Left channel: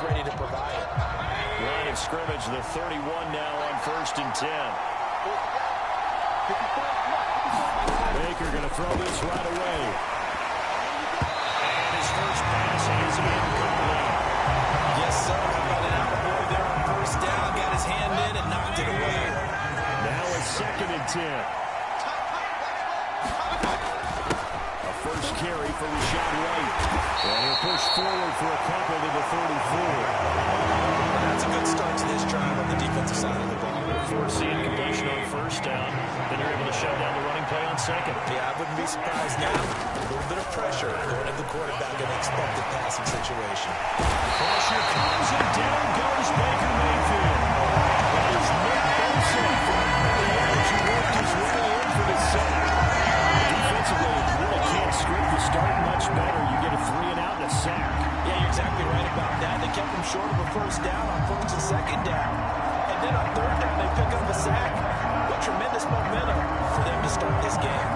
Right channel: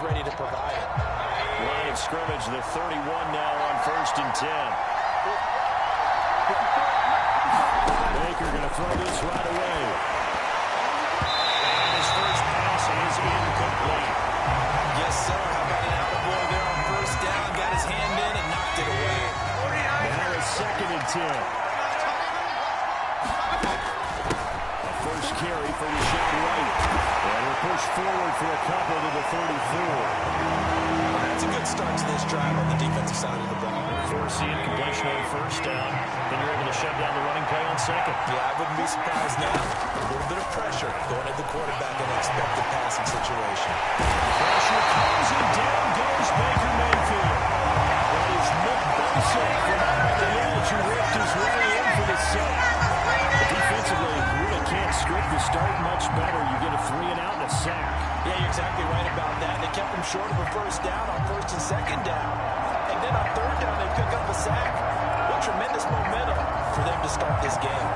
he's ready to provide it. Line of scrimmage, the 31 now on 1st and 10. Baker going to throw this right away. And his first pass is incomplete. Yes, sir. How about an attaboy there on 1st down? Got his hand in and knocked it away. Now it's 2nd and 10. A first carry for Rashad White. And he'll push forward for a couple to the 34. Well, that's a good start to this drive on the defensive side of the ball. Force the incompletion on 1st down. Then you're able to shut down the running play on 2nd. Yeah, I wouldn't be surprised now. A little bit of pressure going at the quarterback in an expected passing situation. Pressure comes and down goes Baker Mayfield. That is Nick Bosa from out on the edge who worked his way in for the sack. Defensively, you really can't script the start much better. You get a 3 and out and a sack. Yeah, you're exactly right about that. They kept him short of a 1st down on 1st and 2nd down. And then on 3rd down, they pick up a sack. What tremendous momentum for them to start this game.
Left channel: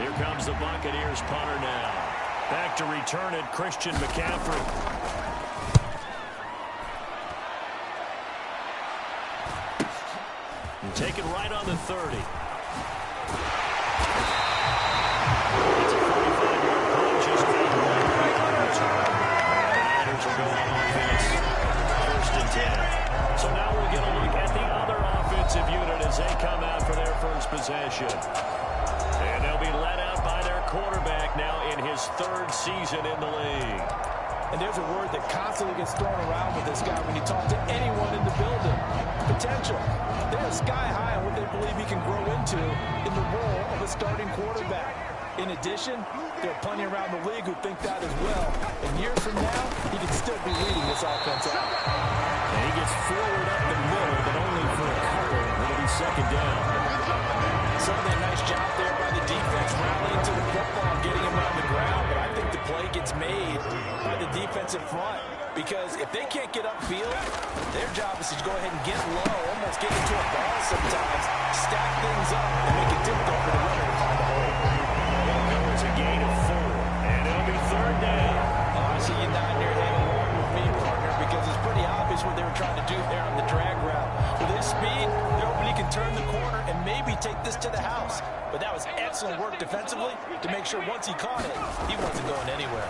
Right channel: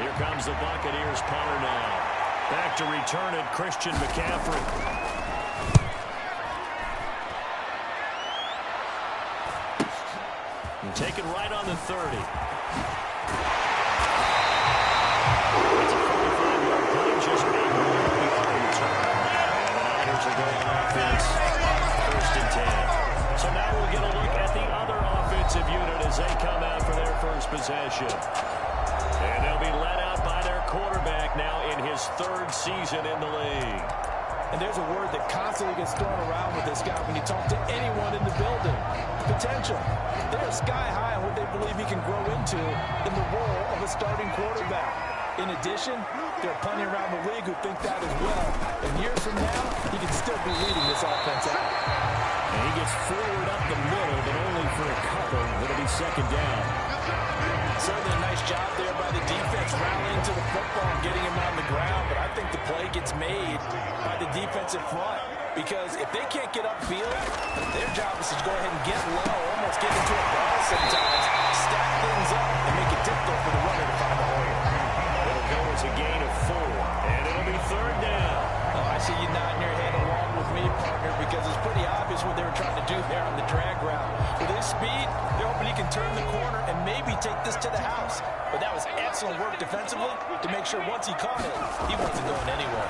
Here comes the Buccaneers punter now. Back to return it, Christian McCaffrey. And take it right on the 30. It's a 45-yard punt, just a 1-yard return. And the Niners will go on offense, 1st and 10. So now we'll get a look at the other offensive unit as they come out for their first possession. And they'll be led out by their quarterback now in his 3rd season in the league. And there's a word that constantly gets thrown around with this guy when you talk to anyone in the building. Potential. They're sky high on what they believe he can grow into in the role of a starting quarterback. In addition, there are plenty around the league who think that as well. And years from now, he can still be leading this offense out. And he gets forward up the middle, but only for a couple. It'll be 2nd down. Certainly a nice job there by the defense rallying to the football and getting him on the ground. But I think the play gets made by the defensive front. Because if they can't get upfield, their job is to go ahead and get low, almost get into a ball sometimes, stack things up, and make it difficult for the runner to find a hole. It'll go as a gain of 4, and it'll be 3rd down. Oh, I see you nodding your head along with me, partner, because it's pretty obvious what they were trying to do there on the drag route. With his speed, they're hoping he can turn the corner and maybe take this to the house. But that was excellent work defensively to make sure once he caught it, he wasn't going anywhere.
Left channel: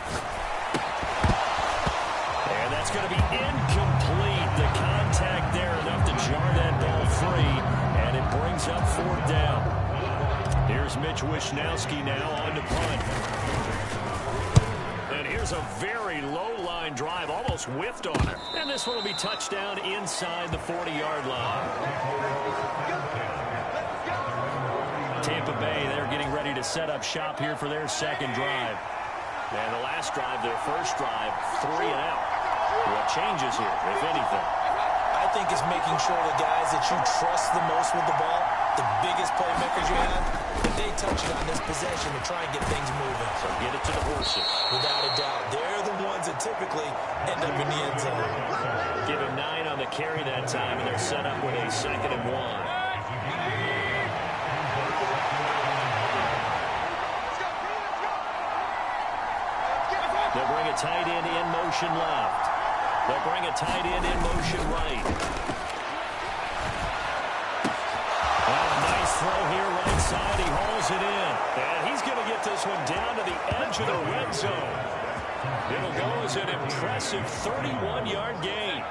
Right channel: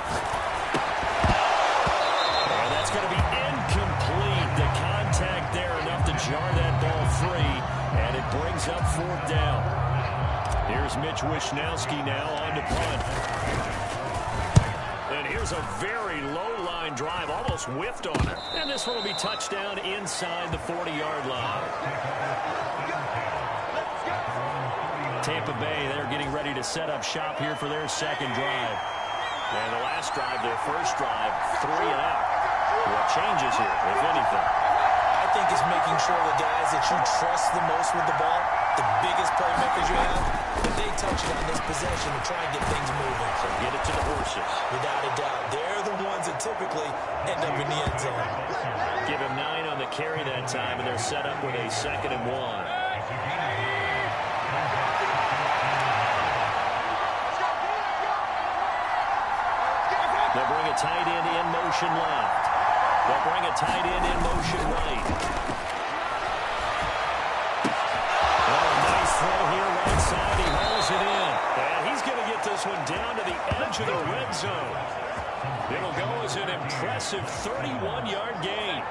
And that's going to be incomplete. The contact there enough to jar that ball free, and it brings up 4th down. Here's Mitch Wishnowski now on to punt. And here's a very low-line drive, almost whiffed on her. And this one will be touchdown inside the 40-yard line. Tampa Bay, they're getting ready to set up shop here for their 2nd drive. And the last drive, their first drive, 3 and out. What changes here, if anything? I think it's making sure the guys that you trust the most with the ball, the biggest playmakers you have, that they touch it on this possession to try and get things moving. So get it to the horses. Without a doubt. They're the ones that typically end up in the end zone. Give him 9 on the carry that time, and they're set up with a 2nd and 1. They'll bring a tight end in motion left. They'll bring a tight end in motion right. Now a nice throw here right side. He hauls it in. And he's going to get this one down to the edge of the red zone. It'll go as an impressive 31-yard gain.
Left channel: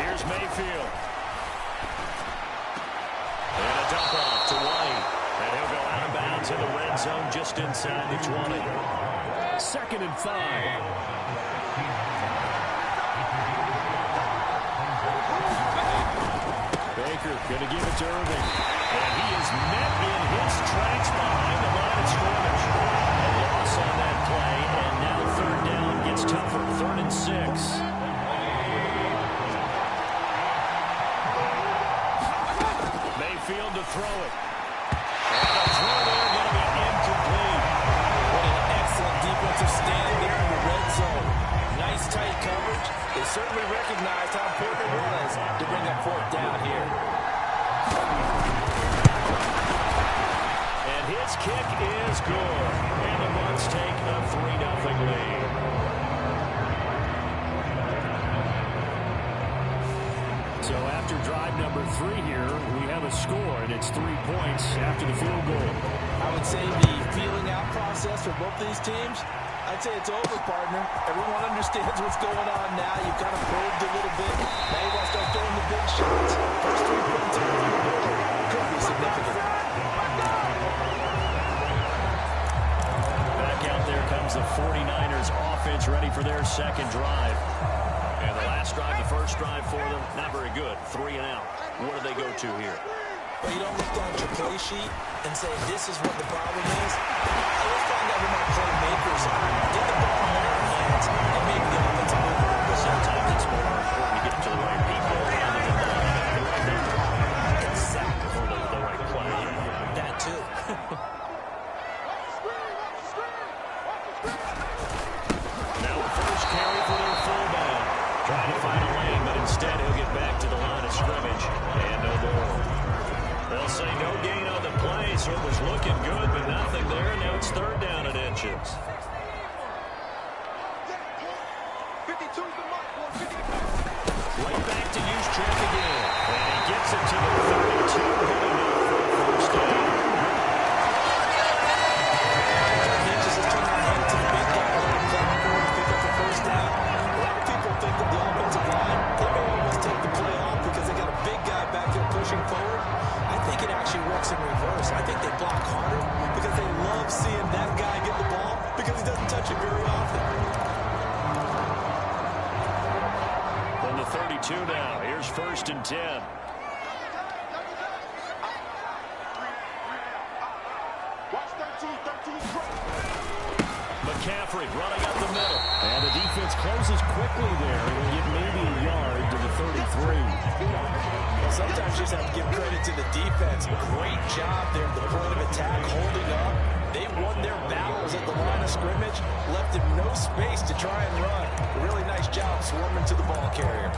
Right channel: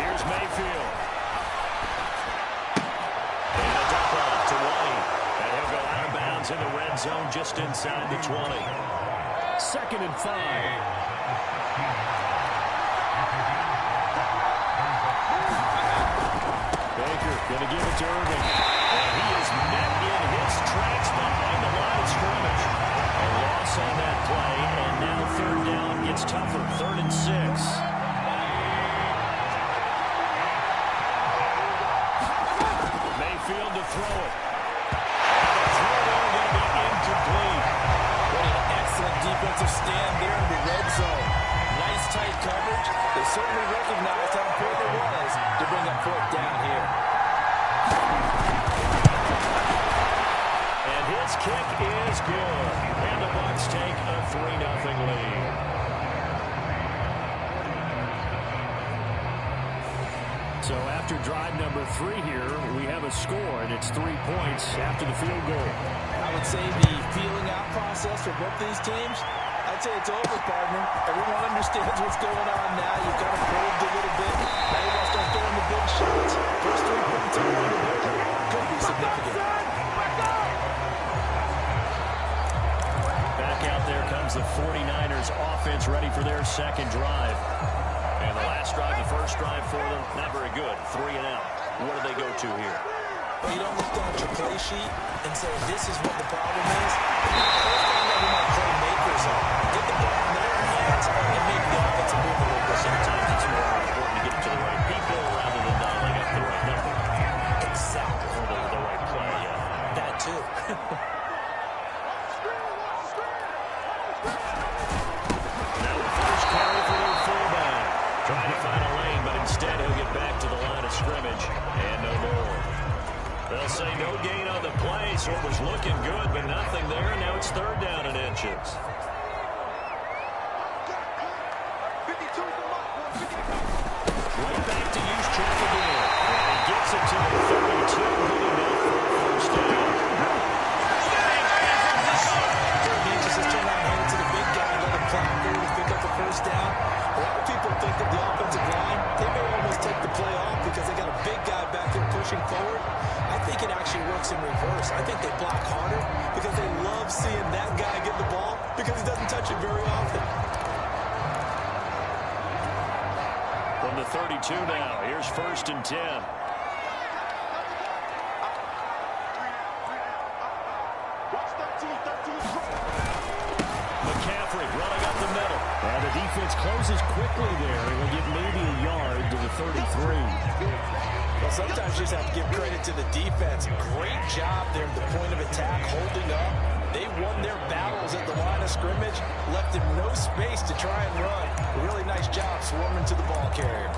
Here's Mayfield. And a dump off to White. And he'll go out of bounds in the red zone just inside the 20. 2nd and 5. Baker going to give it to Irving. And he is met in his tracks behind the line of scrimmage. A loss on that play, and now 3rd down gets tougher. 3rd and 6. Mayfield to throw it. And a throw there going to be incomplete. What an excellent defensive stand there in the red zone. Nice tight coverage. They certainly recognized how important it was to bring up 4th down here. this kick is good. And the Bucs take a 3-0 lead. So after drive number 3 here, we have a score, and it's 3 points after the field goal. I would say the feeling out process for both these teams, I'd say it's over, partner. Everyone understands what's going on now. You've kind of probed a little bit. Now you want to start throwing the big shots. First 3 points on the board could be significant. Back out there comes the 49ers offense ready for their second drive. And the last drive, the first drive for them, not very good. 3 and out. What do they go to here? But you don't look down at your play sheet and say, this is what the problem is. First find out who my playmakers are. Get the ball in their hands and make the offensive move a little bit. Sometimes it's more important to get it to the right people rather than dialing up the right number. Exactly. Or the right play, yeah. That too. Now the first carry for their fullback. Trying to find a lane, but instead he'll get back to the line of scrimmage. And no more. They'll say no gain on the play, so it was looking good, but nothing there. And now it's 3rd down and inches. Right back to Juszczyk again. And he gets it to the 32. Good enough for a first down. 3rd inches, just turn around, hand it to the big guy, let him plow forward and pick up the first down. A lot of people think of the offensive line, they may almost take the play off because they got a big guy back there pushing forward. I think it actually works in reverse. I think they block harder because they love seeing that guy get the ball because he doesn't touch it very often. From the 32 now, here's 1st and 10. McCaffrey running up the middle. And the defense closes quickly there. And will get maybe a yard to the 33. Well, sometimes you just have to give credit to the defense. Great job there at the point of attack, holding up. They won their battles at the line of scrimmage, left him no space to try and run. A really nice job swarming to the ball carrier.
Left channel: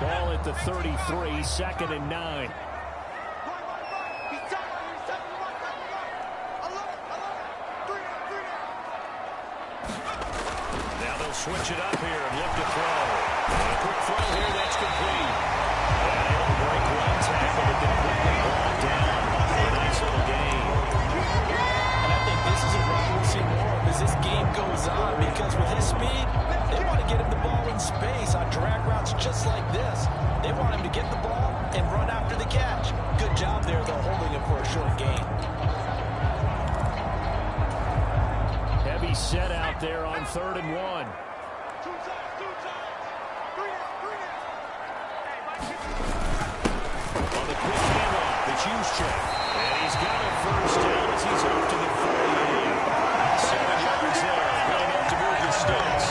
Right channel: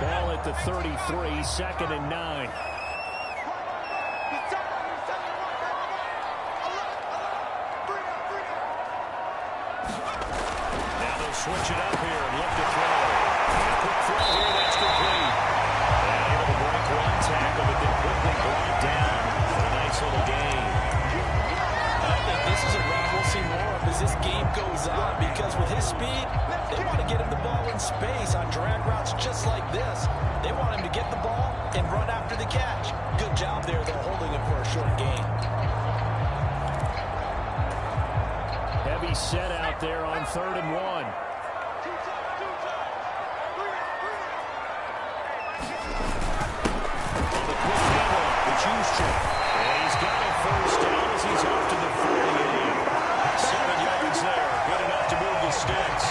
Ball at the 33, 2nd and 9. Switch it up here and look to throw. And a quick throw here, that's complete. And able to break one tackle, but then quickly brought down for a nice little gain. And I think this is a route we'll see more of as this game goes on, because with his speed, they want to get him the ball in space on drag routes just like this. They want him to get the ball and run after the catch. Good job there, though, holding him for a short gain. Heavy set out there on 3rd and 1. Juszczyk. And he's got a first down as he's off to the 48. 7 yards there. Good enough to move the sticks.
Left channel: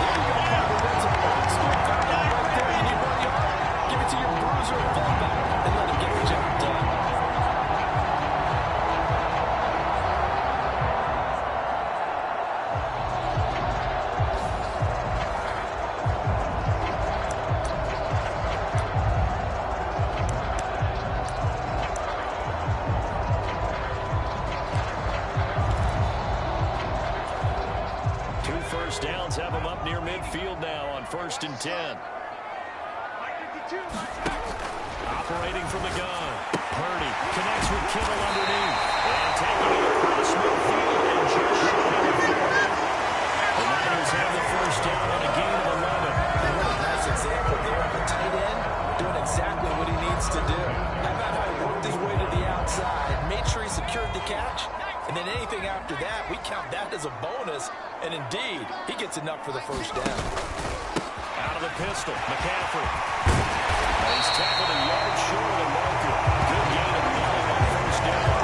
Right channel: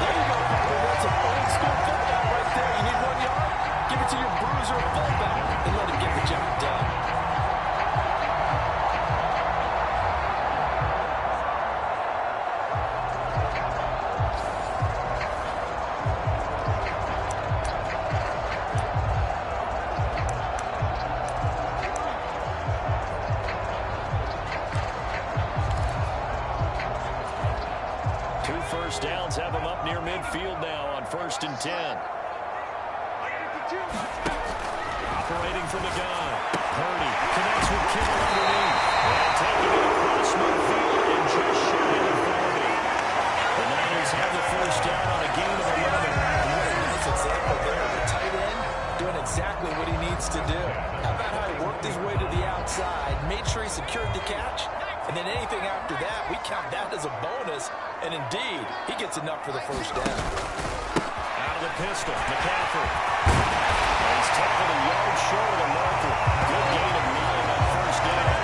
There you go, partner. That's an old school cut down right there. You need 1 yard? Give it to your bruiser or fullback and let him get the job done. First downs have him up near midfield now on 1st and 10. Operating from the gun. Purdy connects with Kittle underneath. And taking it across midfield and just shy of the 40. The Niners have the first down on a gain of 11. And what a nice example there of a tight end doing exactly what he needs to do. How about how he worked his way to the outside, made sure he secured the catch, and then anything after that, we count that as a bonus. And indeed, he gets enough for the first down. Out of the pistol, McCaffrey. And he's tackled a yard short of the marker. Good gain of 9 on first down.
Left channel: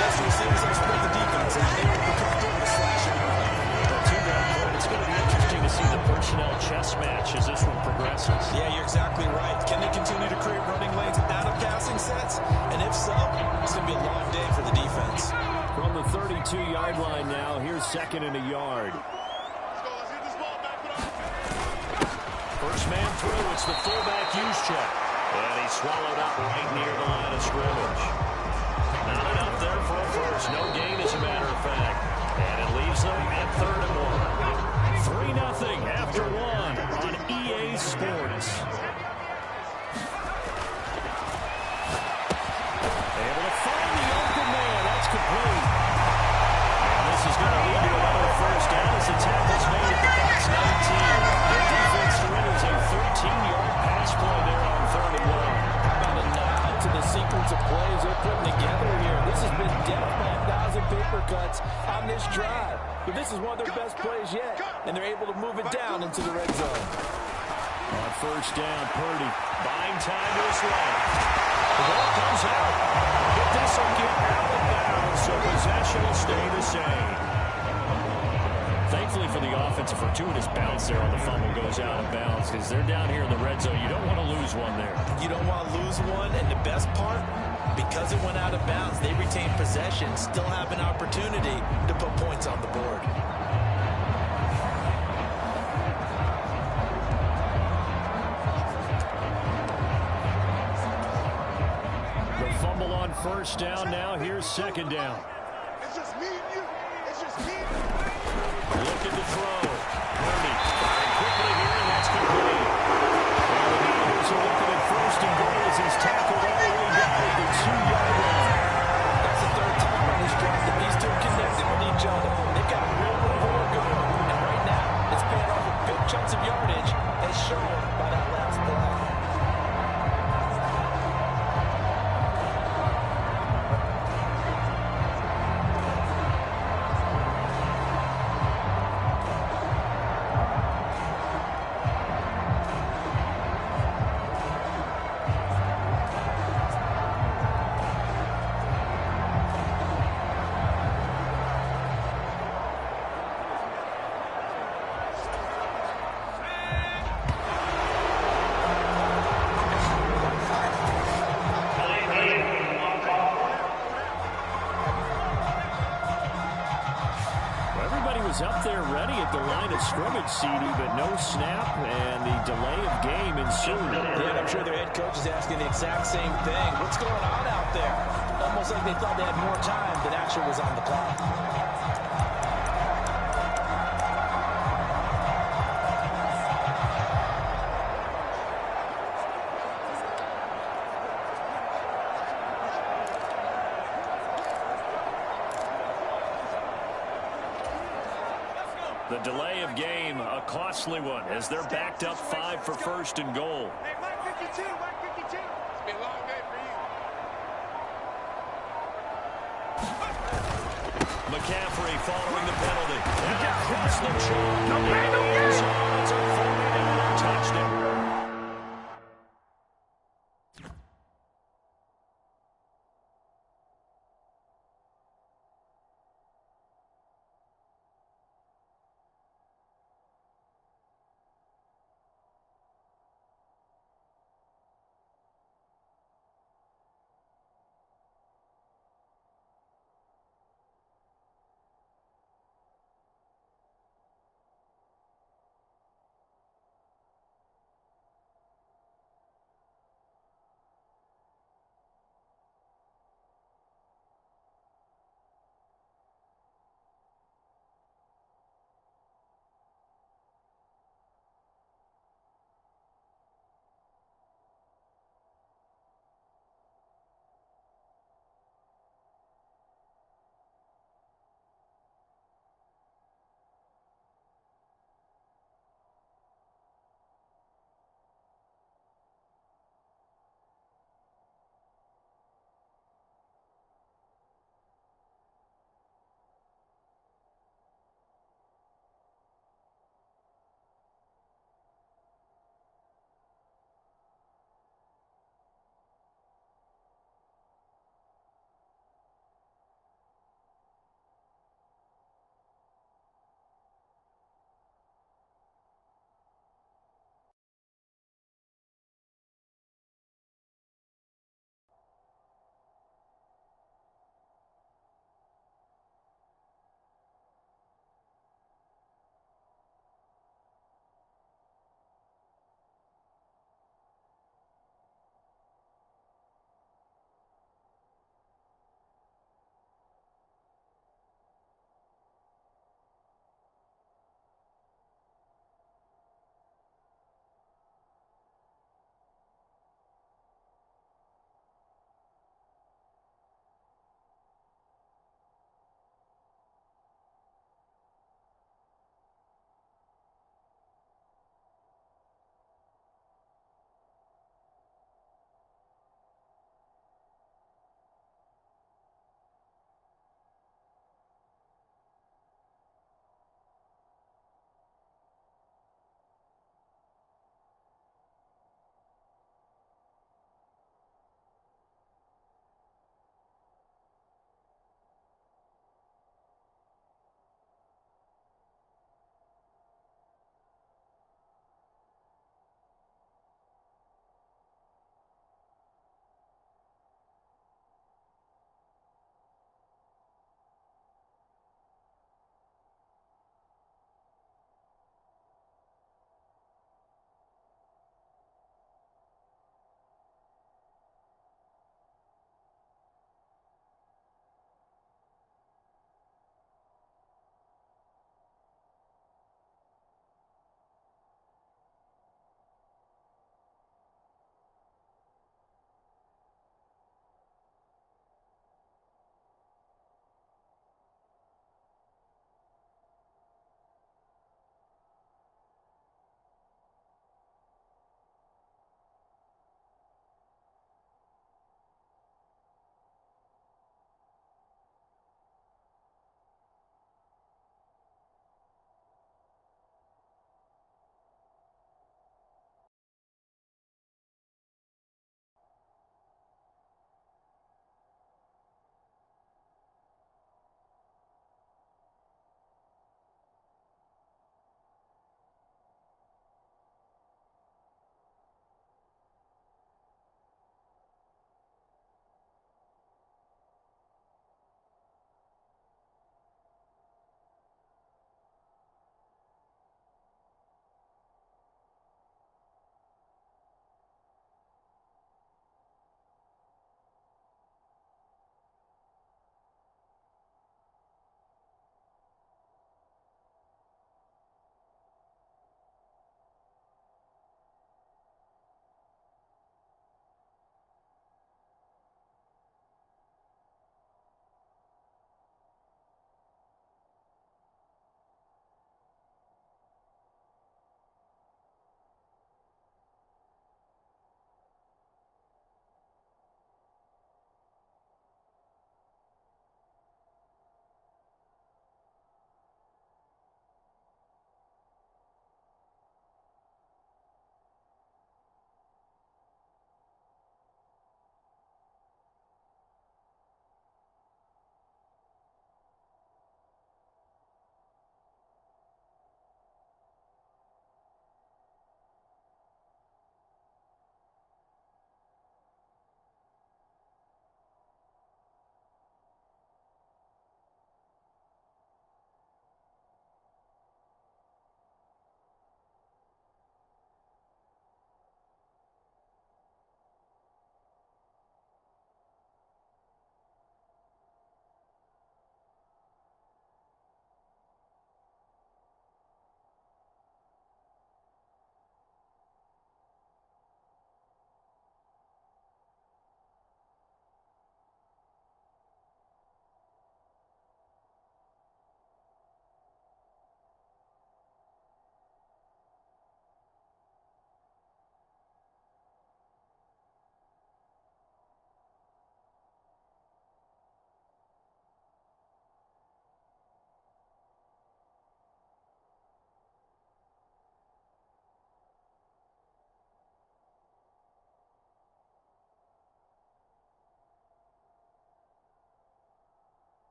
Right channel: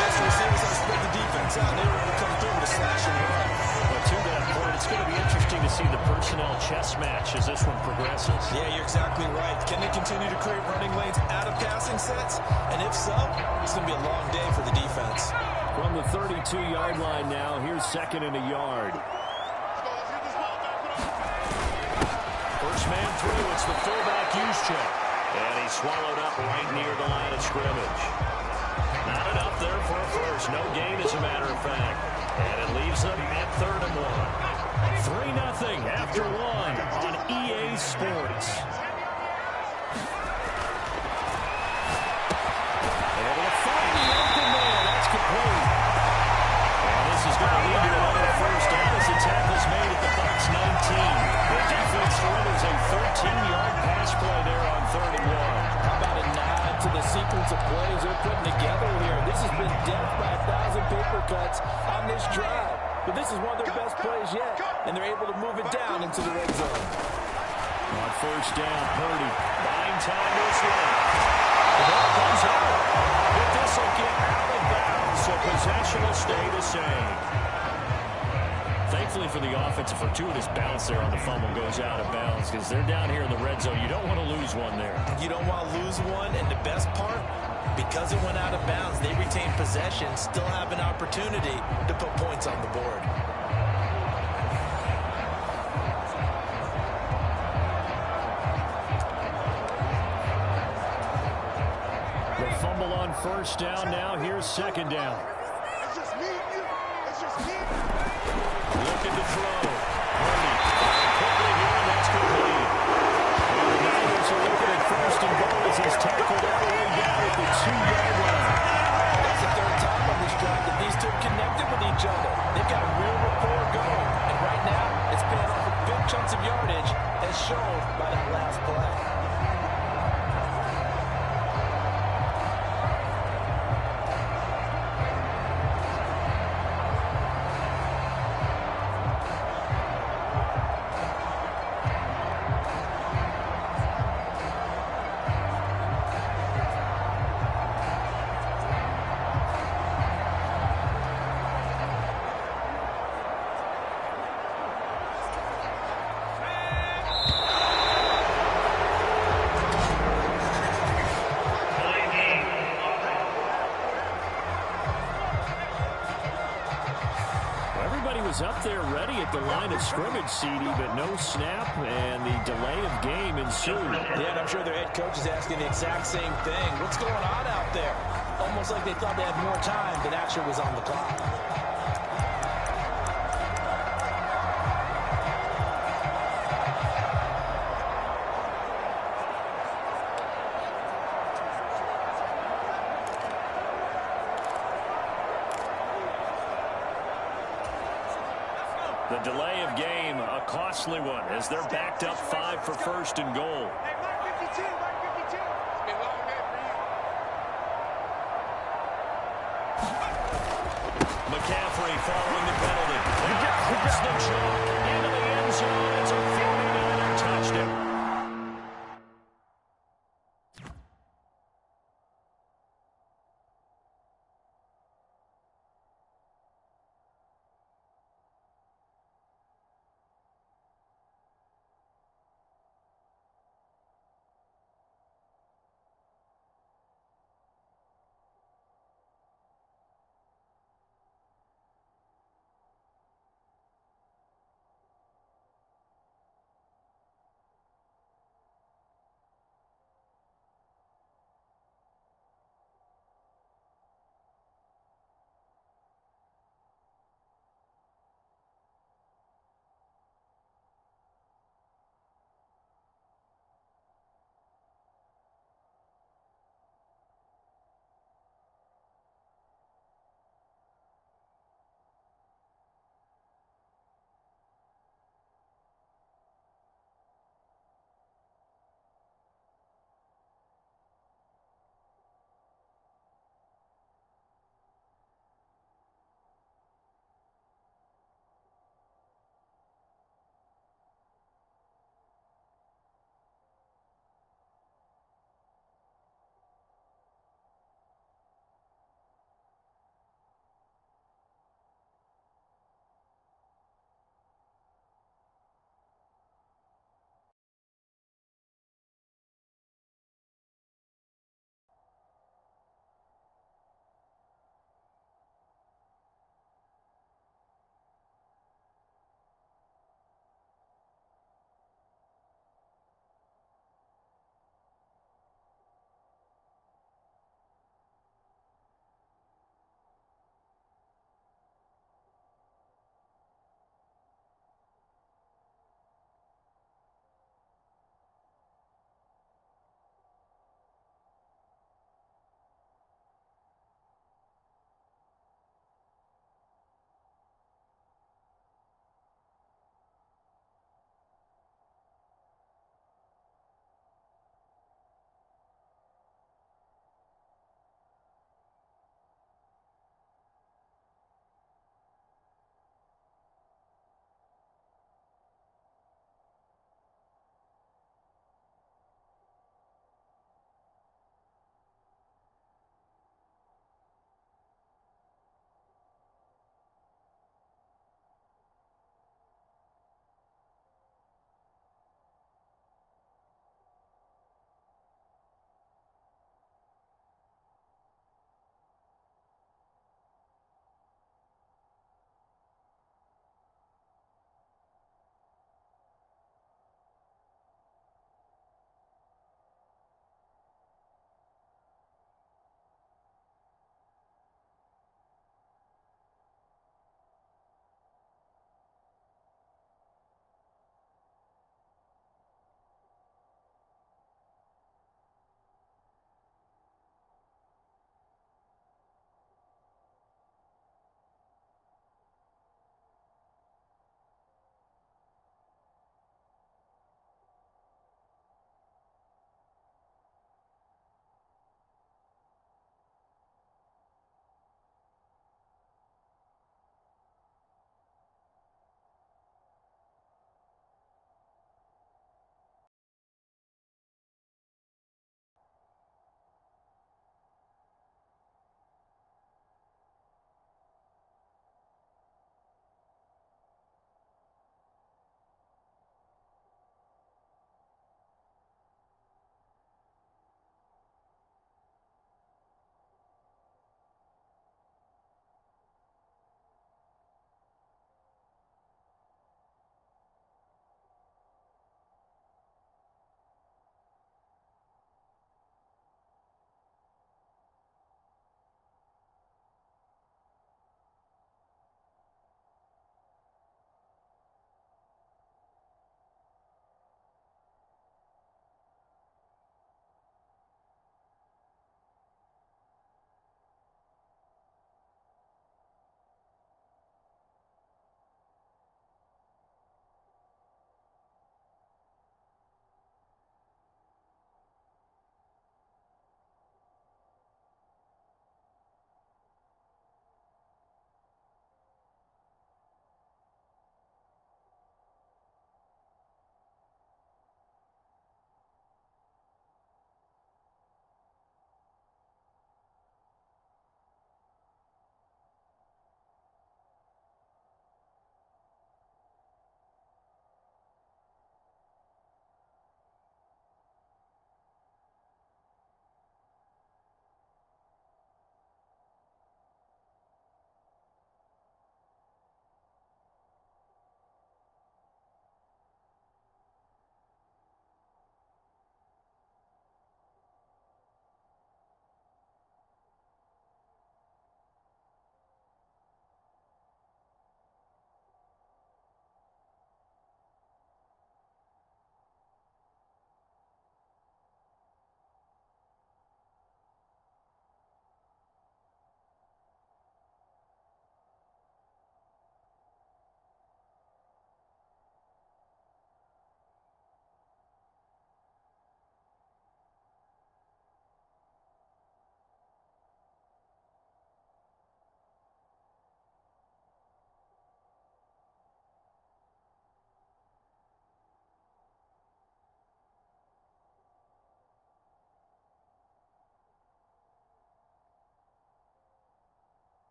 That's the receivers that spread the defense out. They were able to come through with a slash and run. But to that point, it's going to be interesting to see the personnel chess match as this one progresses. Yeah, you're exactly right. Can they continue to create running lanes out of passing sets? And if so, it's going to be a long day for the defense. From the 32-yard line now, here's 2nd and a yard. Let's get this ball back. First man through, it's the fullback Juszczyk. And he swallowed up right near the line of scrimmage. Not enough there for a first. No gain, as a matter of fact. And it leaves them at 3rd and 1. 3-0 after 1 on EA Sports. Able to find the open man. That's complete. And this is going to lead to another first down as the tackle's made at the Bucs 19. The defense surrenders a 13-yard pass play there on 3rd and 1. How about a nod to the sequence of plays they're putting together here? This has been death by 1,000 paper cuts on this drive. But this is one of their best plays yet, and they're able to move it down into the red zone. On first down, Purdy buying time to his left. The ball comes out. But this will get out of bounds, so possession will stay the same. Thankfully for the offense, a fortuitous bounce there on the fumble goes out of bounds because they're down here in the red zone. You don't want to lose one there. You don't want to lose one, and the best part, because it went out of bounds, they retain possession, still have an opportunity to put points on the board. The fumble on first down. Now here's 2nd down. It's just me and you. It's just me. Looking to throw. Purdy firing quickly here, and that's complete. And the Niners are looking at 1st and goal as he's tackled all the way down at the 2-yard line. That's the 3rd time on this drive that these two connected with each other. They've got real rapport going. And right now, it's paying off with big chunks of yardage, as shown by that last play. Up there ready at the line of scrimmage, CD, but no snap, and the delay of game ensued. Yeah, and I'm sure their head coach is asking the exact same thing. What's going on out there? Almost like they thought they had more time than actually was on the clock. The delay of game, a costly one, as they're backed up 5 for 1st and goal. Hey, Mike 52, Mike 52. It's been a long day for you. McCaffrey following the penalty. And across the chalk into the end zone. It's a 49er touchdown.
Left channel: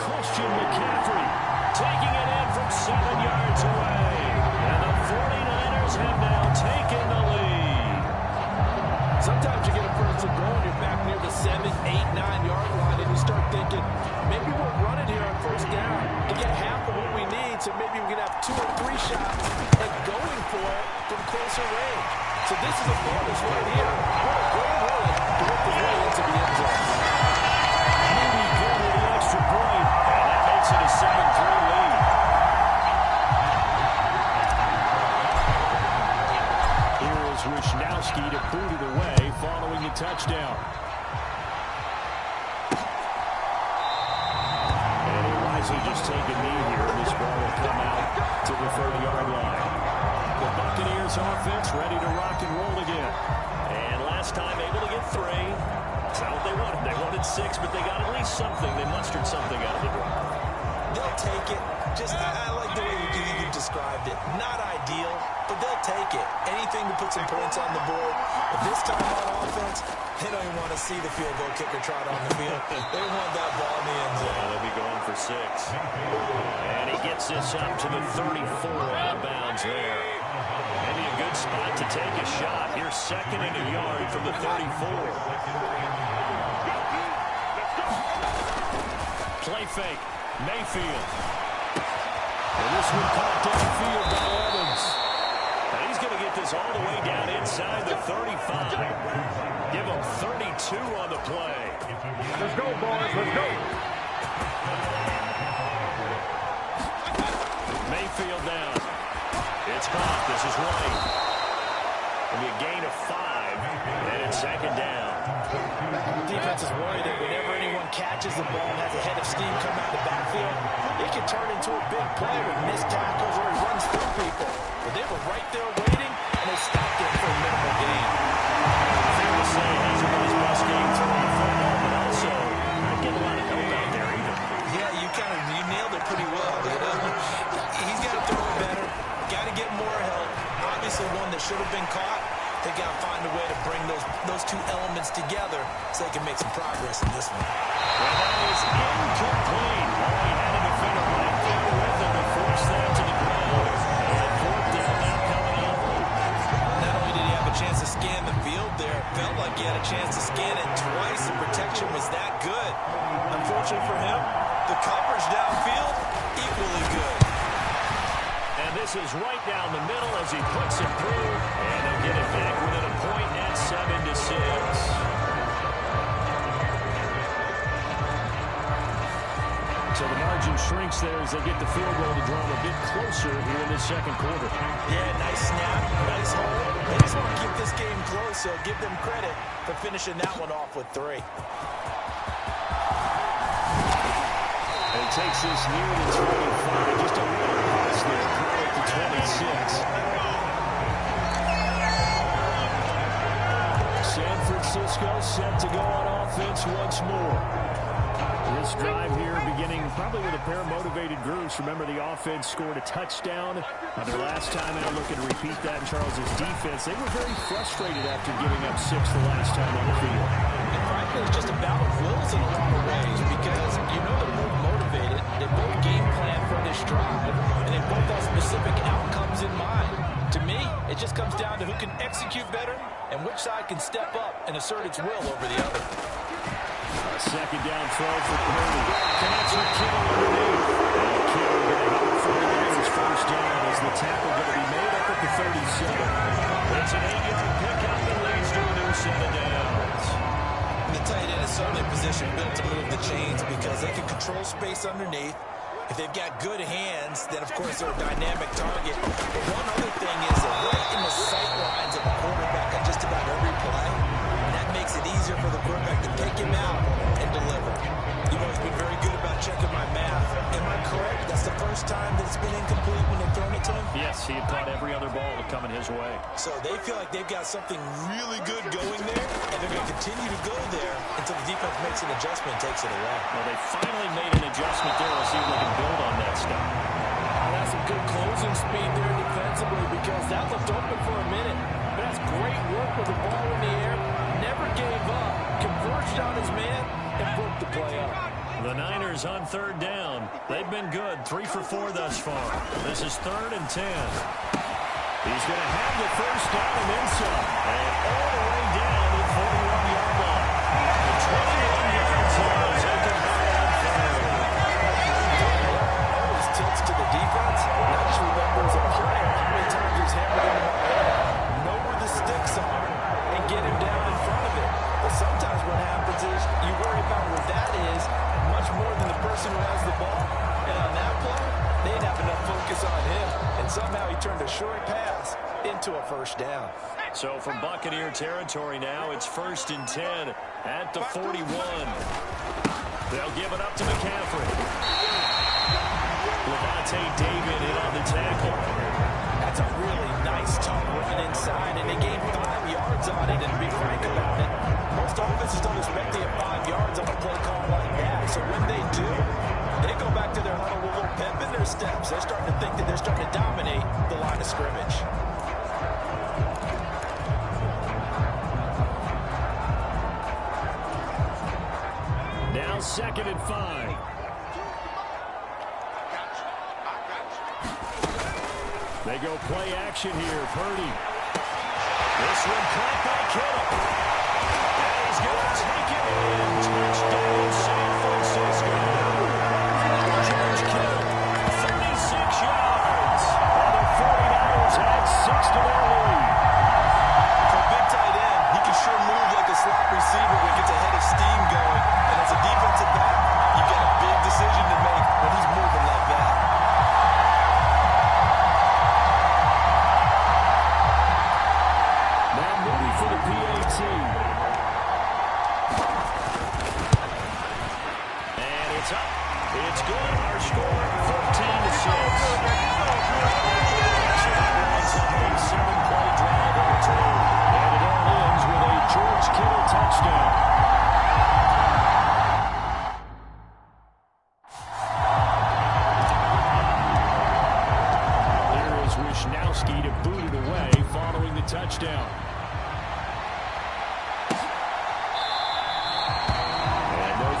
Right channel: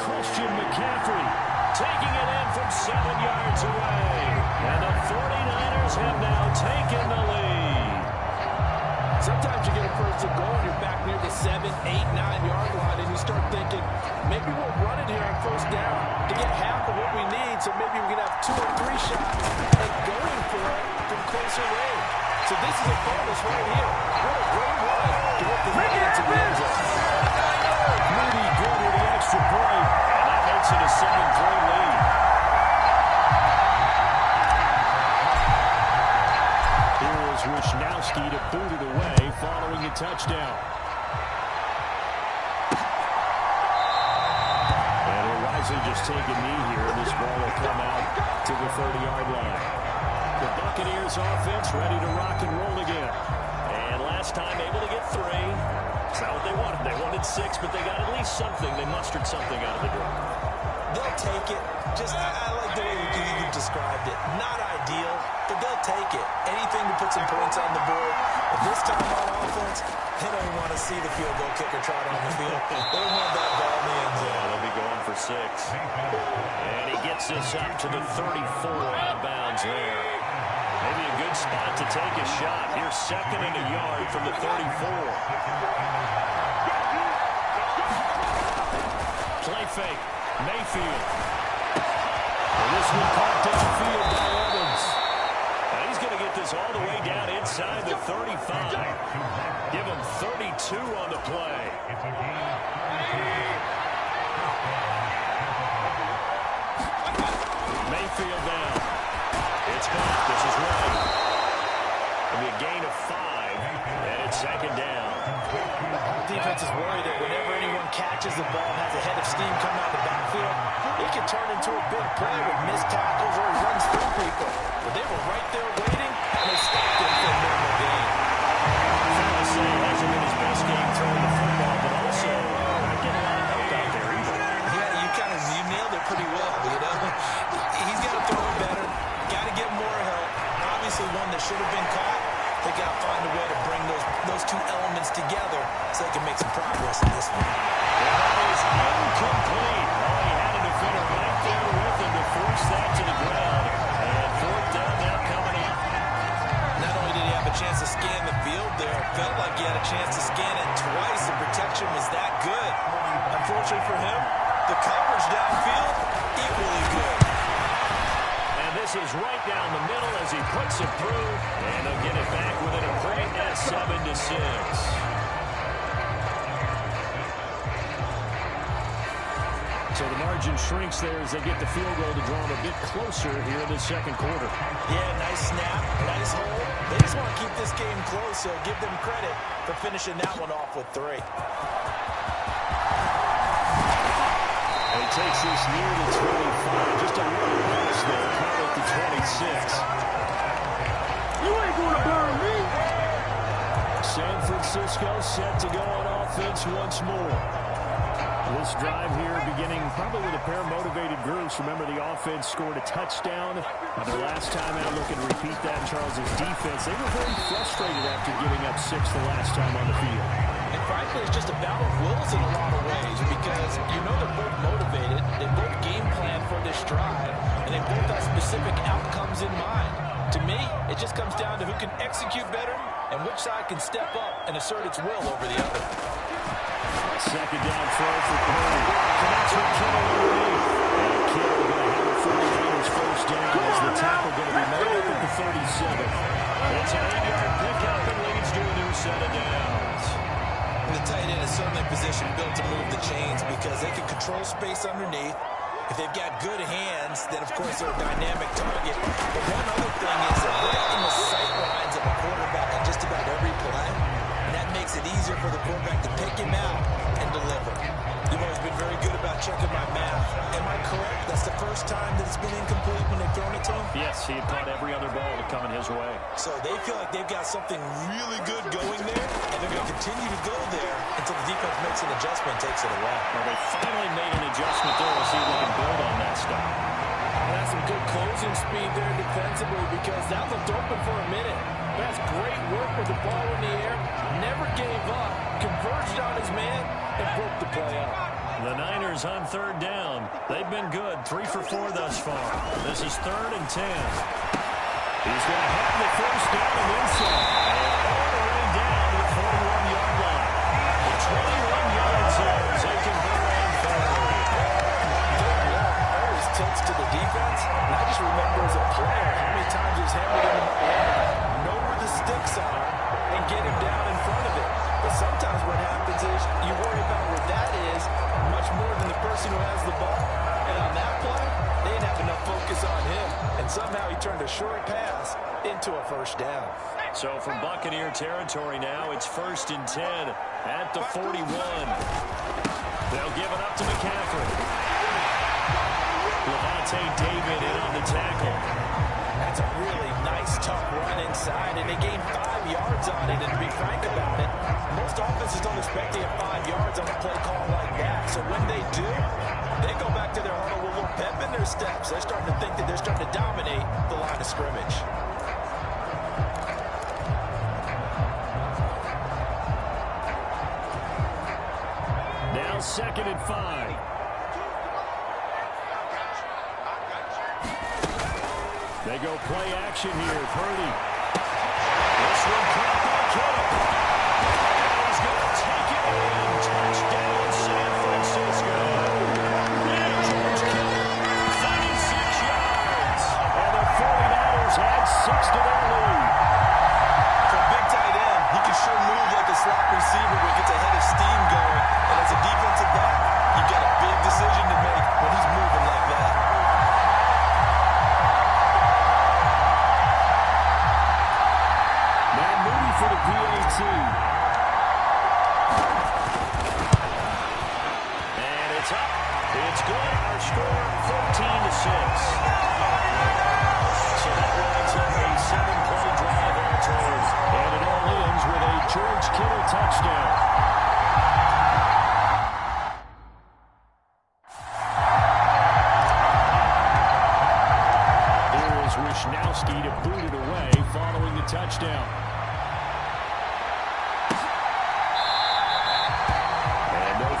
Christian McCaffrey taking it in from 7 yards away. And the 49ers have now taken the lead. Sometimes you get a first and goal and you're back near the 7, 8, 9-yard line, and you start thinking, maybe we'll run it here on first down to get half of what we need, so maybe we can have 2 or 3 shots at going for it from closer range. So this is a bonus right here. What a great run to work his way into the end zone. Moody good with the extra point, and that makes it a 7-3 lead. Here is Wisnowski to boot it away following a touchdown. And he'll wisely just take a knee here, and this ball will come out to the 30-yard line. The Buccaneers offense ready to rock and roll again. And last time able to get 3. It's not what they wanted. They wanted 6, but they got at least something. They mustered something out of the drive. They'll take it. Just, I like the way you described it. Not ideal, but they'll take it. Anything to put some points on the board. But this time on offense, they don't even want to see the field goal kicker trot on the field. They want that ball in the end zone. Yeah, they'll be going for 6. And he gets this up to the 34 out of bounds there. Maybe a good spot to take a shot. Here's 2nd and a yard from the 34. Play fake. Mayfield. And this one caught downfield by Evans. And he's going to get this all the way down inside the 35. Give him 32 on the play. Mayfield down. It's caught. This is White. It'll be a gain of 5, and it's 2nd down. The defense is worried that whenever anyone catches the ball and has a head of steam come out of the backfield, it can turn into a big play with missed tackles or he runs through people. But they were right there waiting, and they stopped him for a minimal gain. Fair to say, it hasn't been his best game throwing the football, but also not getting a lot of help out there either. Yeah, you nailed it pretty well, you know. He's got to throw it better, got to get more help. Obviously one that should have been caught. They got to find a way to bring those 2 elements together so they can make some progress in this one. And that is incomplete. Oh, he had a defender right there with him to force that to the ground. And 4th down now coming up. Not only did he have a chance to scan the field there, it felt like he had a chance to scan it twice. The protection was that good. Unfortunately for him, the coverage downfield, equally good. And this is right down the middle as he puts it through. And he'll get it back within a point at 7-6. So the margin shrinks there as they get the field goal to draw them a bit closer here in this 2nd quarter. Yeah, nice snap, nice hold. They just want to keep this game close, so give them credit for finishing that one off with 3. And he takes this near the 25. Just a little pass there. Call it the 26. San Francisco set to go on offense once more. This drive here beginning probably with a pair of motivated groups. Remember, the offense scored a touchdown on their last time out. Looking to repeat that in Charles' defense. They were very frustrated after giving up 6 the last time on the field. And frankly, it's just a battle of wills in a lot of ways because you know they're both motivated. They both game plan for this drive, and they both have specific outcomes in mind. To me, it just comes down to who can execute better and which side can step up and assert its will over the other. 2nd down throw for Purdy. Connects with Kittle underneath. And Kittle going to have a 49ers first down as the tackle going to be made up at the 37. It's an 8-yard pickup and leads to a new set of downs. And the tight end is certainly positioned built to move the chains because they can control space underneath. If they've got good hands, then of course they're a dynamic target. But one other thing is they're right in the sight lines of a quarterback on just about every play. And that makes it easier for the quarterback to pick him out and deliver. You've always been very good about checking my math. Am I correct? That's the first time that it's been incomplete when they've thrown it to him? Yes, he had caught every other ball coming his way. So they feel like they've got something really good going there, and they're going to continue to go there until the defense makes an adjustment and takes it away. Well, they finally made an adjustment there. We'll see if they can build on that stuff. And that's some good closing speed there defensively because that looked open for a minute. But that's great work with the ball in the air. Never gave up, converged on his man, and broke the play up. The Niners on third down. They've been good, 3 for 4 thus far. This is 3rd and 10. He's going to have the first down and then some. And all the way down to the 41-yard line. The 21 yards here as they convert on third. Always tilts to the defense. And I just remember as a player how many times he's hammered into my head. Know where the sticks are and get him down in front of it. But sometimes what happens is you worry about where that is much more than the person who has the ball. And on that play, they didn't have enough focus on him. And somehow he turned a short pass into a first down. So from Buccaneer territory now, it's 1st and 10 at the 41. They'll give it up to McCaffrey. Levante David in on the tackle. That's a really nice, tough run inside, and they gained 5 yards on it. And to be frank about it, most offenses don't expect to get 5 yards on a play call like that. So when they do, they go back to their huddle with a little pep in their steps. They're starting to think that they're starting to dominate the line of scrimmage. Now 2nd and 5. They go play action here. Purdy. This one caught by Kittle. And he's going to take it in. Touchdown, San Francisco. George Kittle, 36 yards. And the 49ers add 6 to their lead. For a big tight end, he can sure move like a slot receiver when he gets a head of steam going. And as a defensive back, you've got a big decision to make when he's moving like that. For the PAT. And it's up. It's good. Our score, 14-6. So that winds up a 7-play drive all told. And it all ends with a George Kittle touchdown. Here is Wisnowski to boot it away following the touchdown.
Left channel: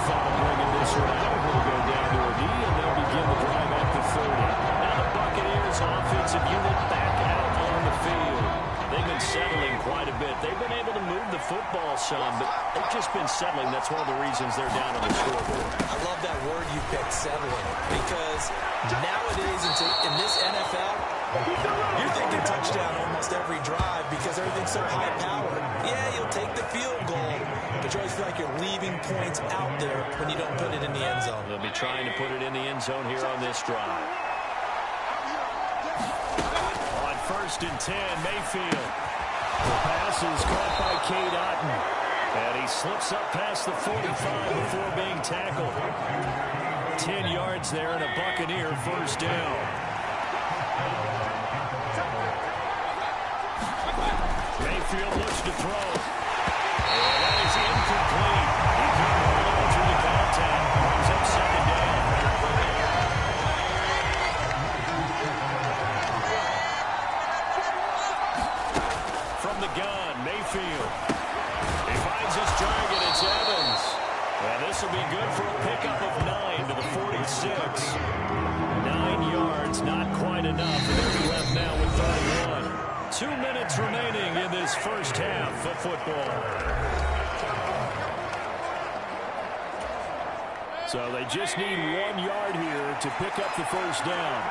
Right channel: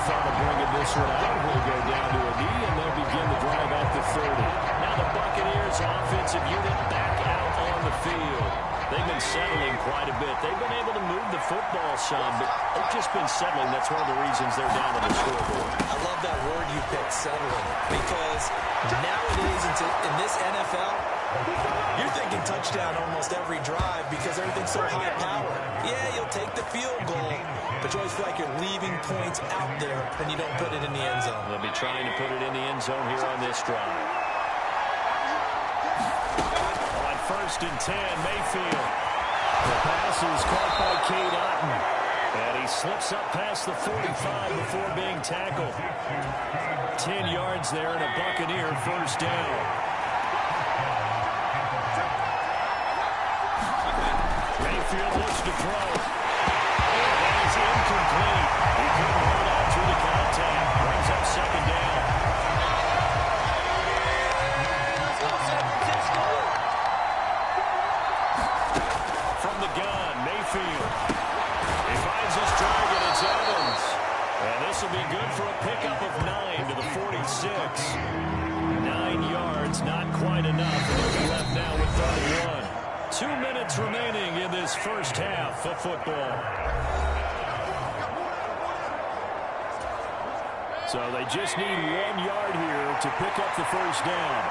Thought of bringing this one out. He'll go down to a knee, and they'll begin the drive at the 30. Now the Buccaneers offensive unit back out on the field. They've been settling quite a bit. They've been able to move the football some, but they've just been settling. That's one of the reasons they're down on the scoreboard. I love that word you picked, settling, because nowadays in this NFL, you're thinking touchdown almost every drive because everything's so high-powered. Yeah, you'll take the field goal, but you always feel like you're leaving points out there when you don't put it in the end zone. They'll be trying to put it in the end zone here on this drive. On 1st and 10, Mayfield. The pass is caught by Cade Otton. And he slips up past the 45 before being tackled. 10 yards there and a Buccaneer first down. Mayfield looks to throw. And that is incomplete. He couldn't hold on through the contact. Brings up 2nd down. From the gun, Mayfield. He finds his target. It's Evans. And this will be good for a pickup of 9 to the 46. 9 yards, not quite enough. And they'll be left now with 31. 2 minutes remaining in this first half of football. So they just need 1 yard here to pick up the first down.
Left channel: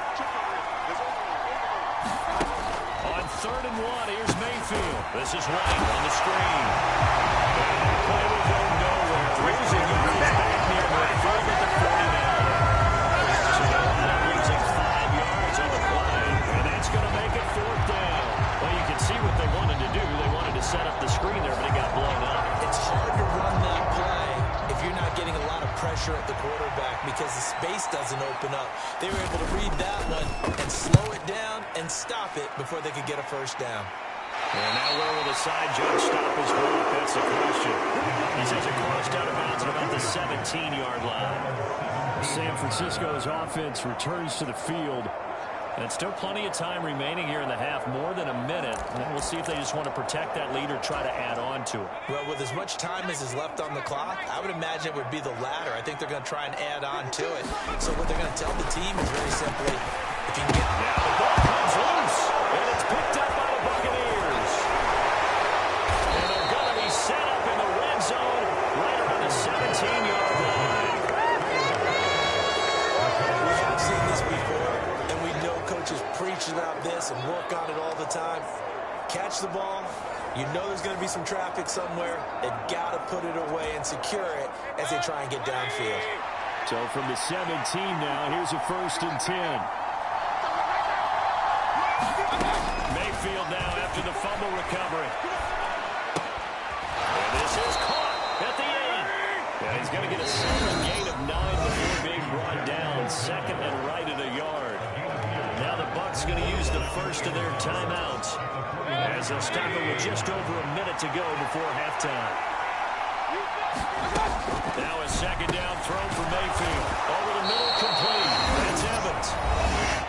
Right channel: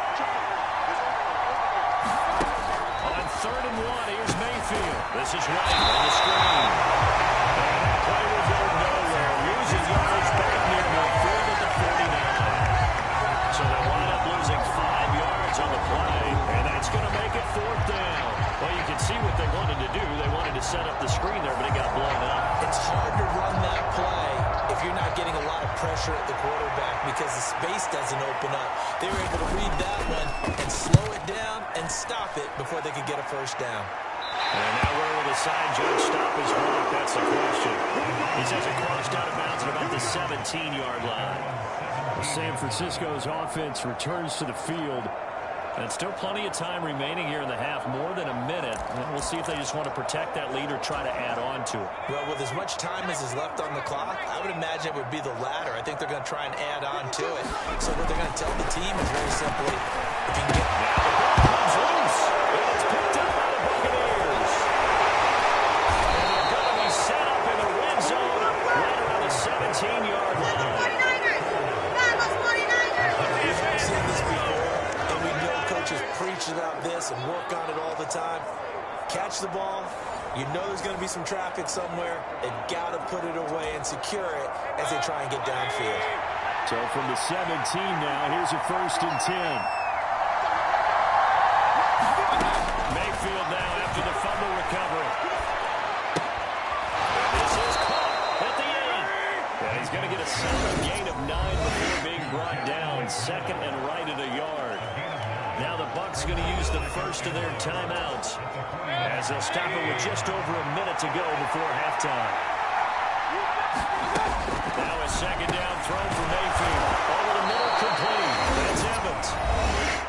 On 3rd and 1, here's Mayfield. This is White on the screen. And that play will go nowhere. Losing yards back near midfield at the 49. So they'll wind up losing 5 yards on the play. And that's going to make it 4th down. Well, you can see what they wanted to do. They wanted to set up the screen there, but it got blown up. It's hard to run that play if you're not getting a lot of pressure at the quarterback because the space doesn't open up. They were able to read that one and slow it down and stop it before they could get a first down. And now where will the side judge stop his block? That's the question. He says it crossed out of bounds at about the 17-yard line. San Francisco's offense returns to the field And still plenty of time remaining here in the half, more than a minute. And we'll see if they just want to protect that lead or try to add on to it. Well, with as much time as is left on the clock, I would imagine it would be the latter. I think they're going to try and add on to it. So what they're going to tell the team is very simply, if you can get... Now the ball comes loose, and it's picked up by the Buccaneers. And they're going to be set up in the red zone right around the 17-yard line. We have seen this before, and we know coaches preach about this and work on it all the time. Catch the ball. You know there's going to be some traffic somewhere. They've got to put it away and secure it as they try and get downfield. So from the 17 now, here's a 1st and 10. Mayfield now after the fumble recovery. And this is caught at the 8. And he's going to get a solid gain of 9 before being brought down. 2nd and right at a yard. Now the Bucs going to use the first of their timeouts as they'll stop it with just over a minute to go before halftime. Now a 2nd down throw for Mayfield. Over the middle, complete. That's Evans.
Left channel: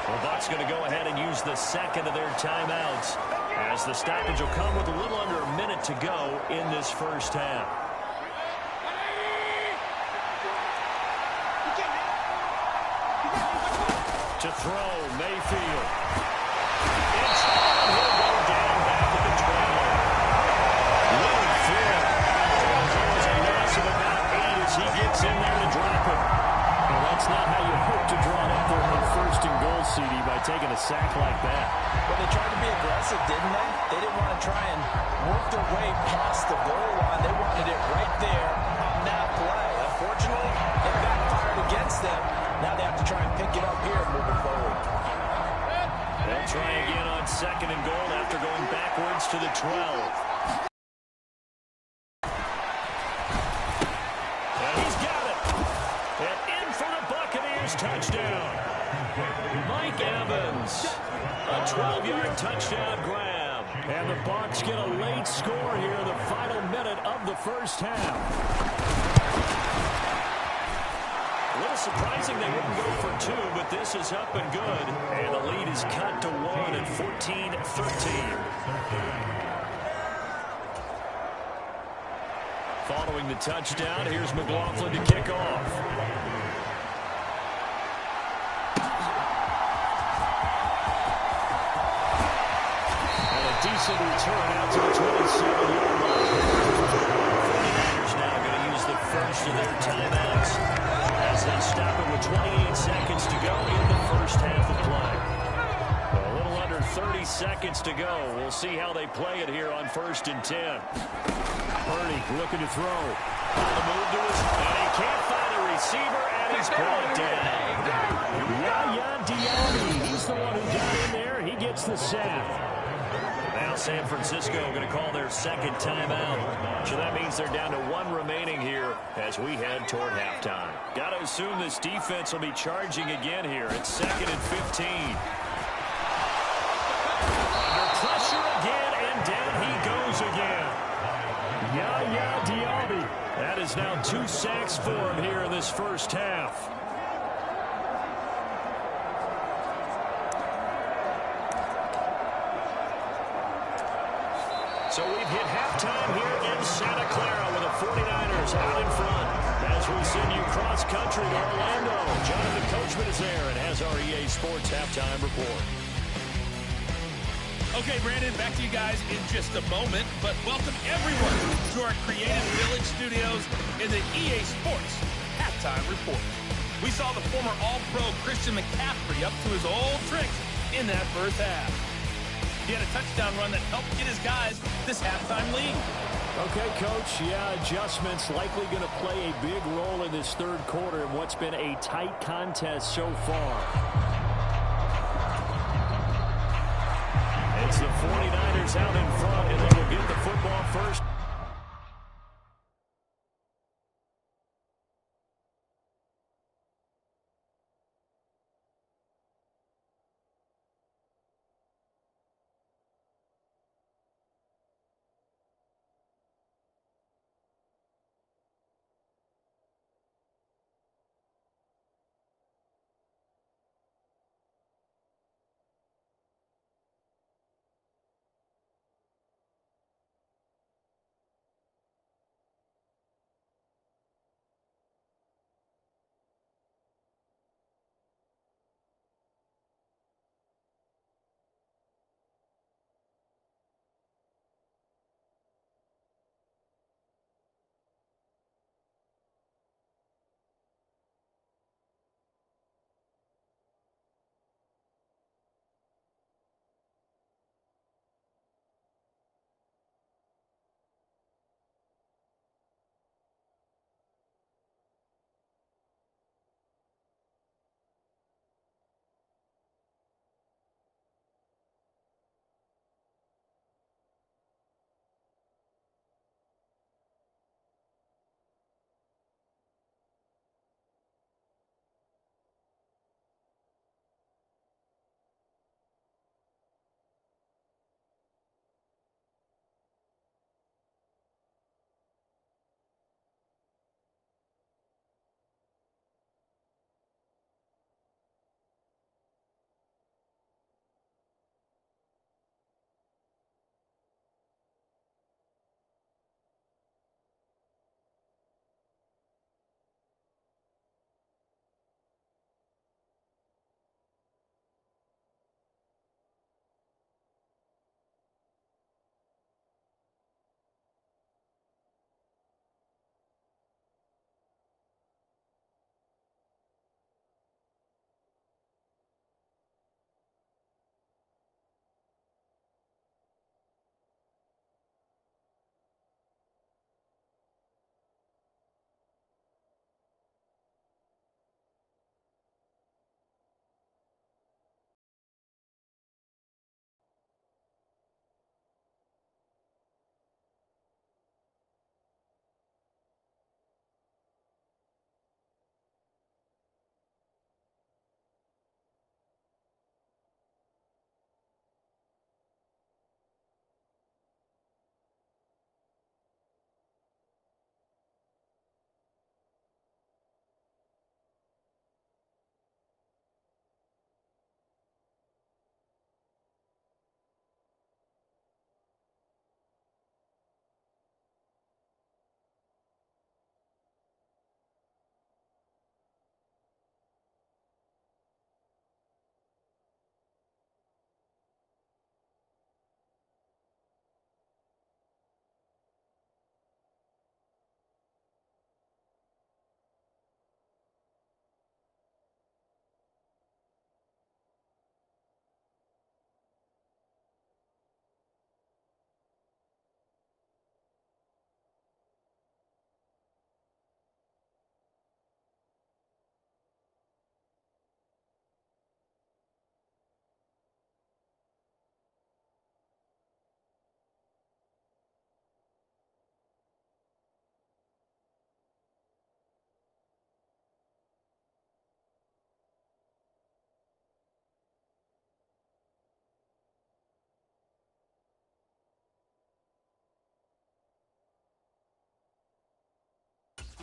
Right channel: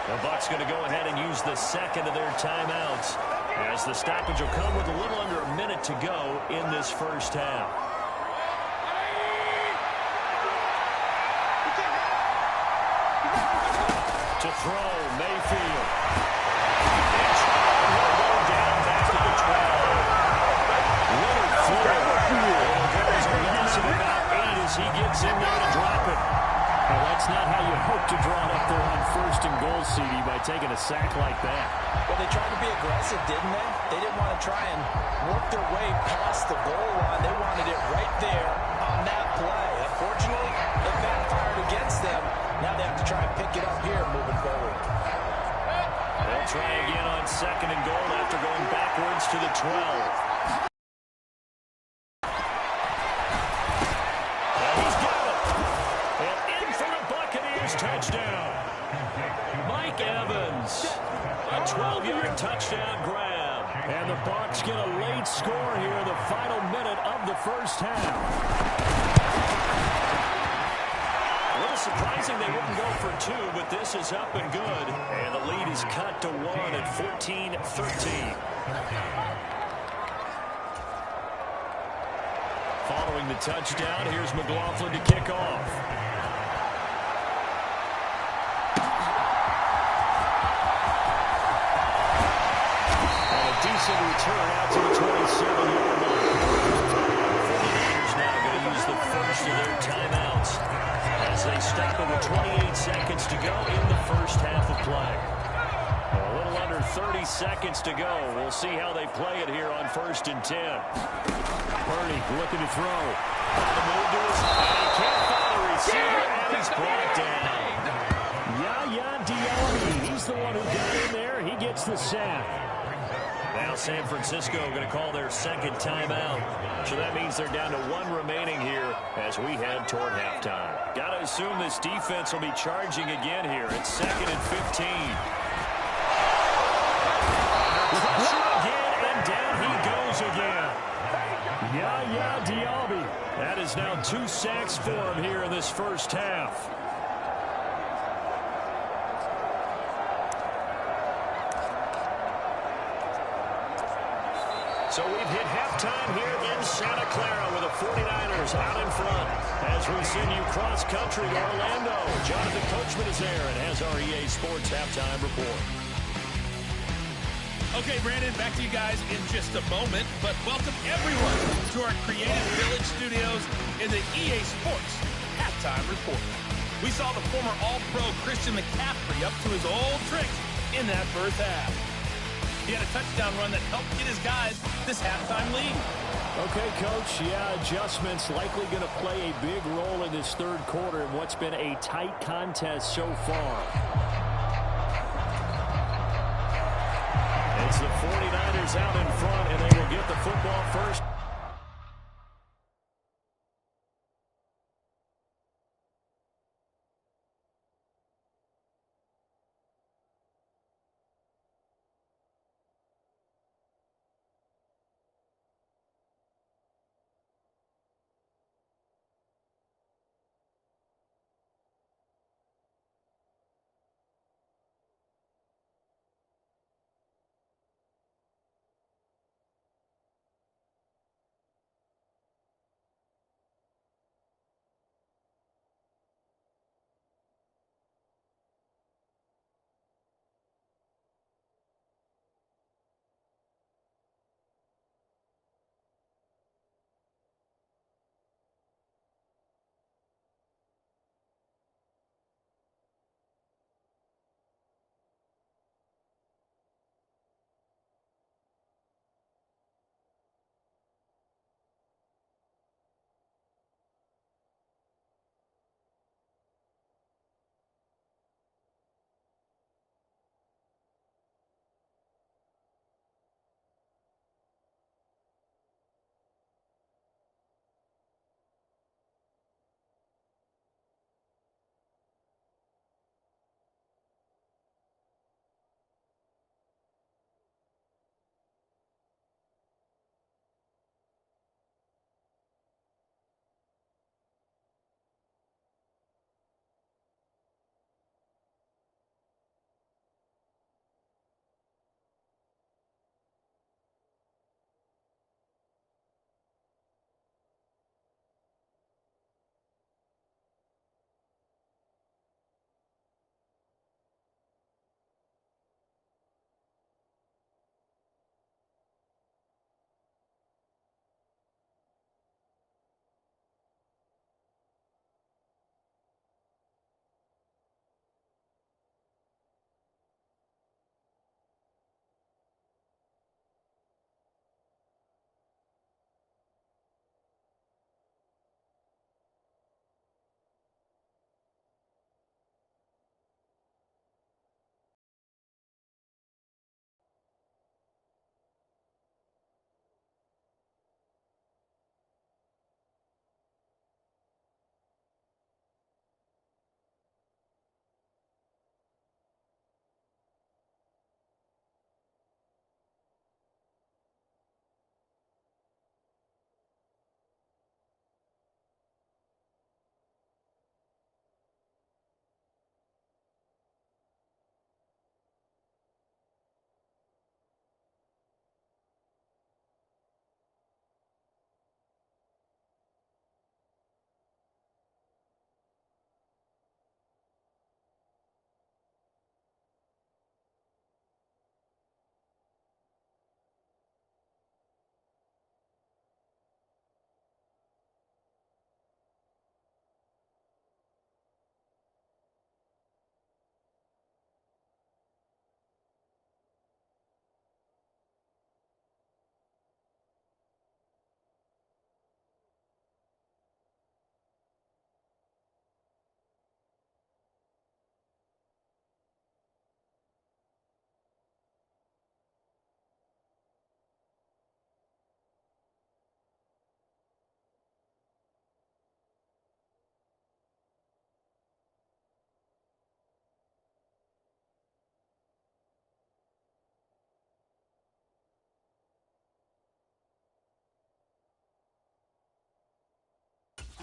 The Bucs going to go ahead and use the 2nd of their timeouts as the stoppage will come with a little under a minute to go in this first half. To throw, Mayfield. It's he'll go down back to the 12. Little throw. It'll go as a loss of about 8 as he gets in there to drop it. Well, that's not how you hope to draw it up there on 1st and goal, CD, by taking a sack like that. Well, they tried to be aggressive, didn't they? They didn't want to try and work their way past the goal line. They wanted it right there on that play. Unfortunately, it backfired against them. Now they have to try and pick it up here moving forward. They'll try again on 2nd and goal after going backwards to the 12. And he's got it. And in for the Buccaneers touchdown. Mike Evans. A 12-yard touchdown grab. And the Bucs get a late score here in the final minute of the first half. A little surprising they wouldn't go for 2, but this is up and good. And the lead is cut to 1 at 14-13. Following the touchdown, here's McLaughlin to kick off. And a decent return out to the 27-yard line. The 49ers now going to use the first of their timeouts as they stop it with 28 seconds to go in the first half of play. A little under 30 seconds to go. We'll see how they play it here on 1st and 10. Purdy looking to throw. On the move to his, and he can't find a receiver, and he's brought down. Yaya Diaby, he's the one who got in there. He gets the sack. Now San Francisco going to call their 2nd timeout. So that means they're down to 1 remaining here as we head toward halftime. Got to assume this defense will be charging again here. It's 2nd and 15. Under pressure again, and down he goes again. Yaya Diaby. That is now 2 sacks for him here in this first half. So we've hit halftime here in Santa Clara with the 49ers out in front as we send you cross-country to Orlando. Jonathan Coachman is there and has our EA Sports halftime report. Okay, Brandon, back to you guys in just a moment, but welcome everyone to our Creative Village studios in the EA Sports halftime report. We saw the former All-Pro Christian McCaffrey up to his old tricks in that first half. He had a touchdown run that helped get his guys this halftime lead. Okay, Coach, yeah, adjustments likely going to play a big role in this third quarter in what's been a tight contest so far. It's the 49ers out in front, and they will get the football first.